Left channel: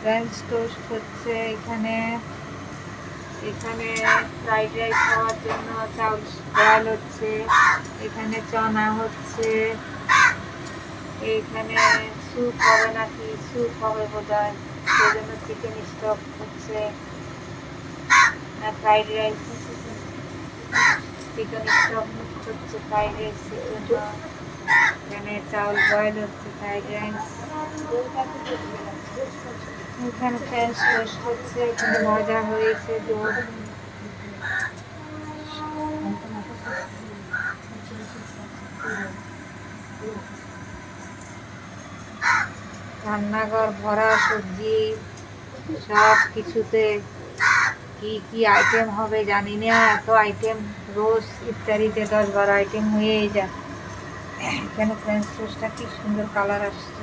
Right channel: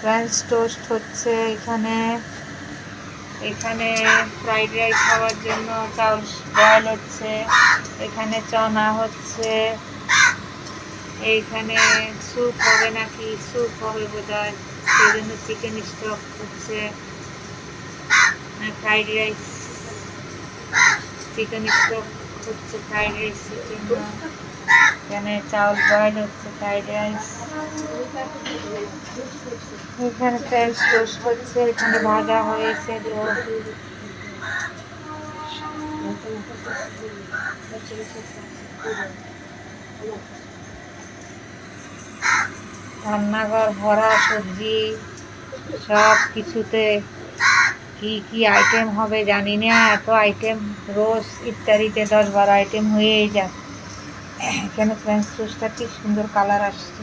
French toast হচ্ছে এখানে। এখানে ফ্রাইড রাইস খাওয়ার জন্য চাউল বয়েল হচ্ছে। এখানে চনা হচ্ছে। এইখানে স্যুপ হবে নাকি, স্যুপ হবে বোধহয়, সেই জন্য চিকেন স্টক হচ্ছে। ফ্রাইড রাইস, চিকেন স্টক হচ্ছে ফ্রাইড রাইসের জন্য। এখানে চাউল বয়েল হচ্ছে ফ্রাইড রাইস। এখানে ফ্রেঞ্চ টোস্ট হচ্ছে। এখানে ভাজা হয়েছে ডো। রান্নাঘর ভরা সবজি, সব কিছুতে কি কি আইটেম হবে জানি না। এত আইটেম রোজ ইত্যাদিতে 10-12 আইটেম হয়েই যায়। এখানে ফ্রেঞ্চ টোস্টটা কি সুন্দর কালার আসছে।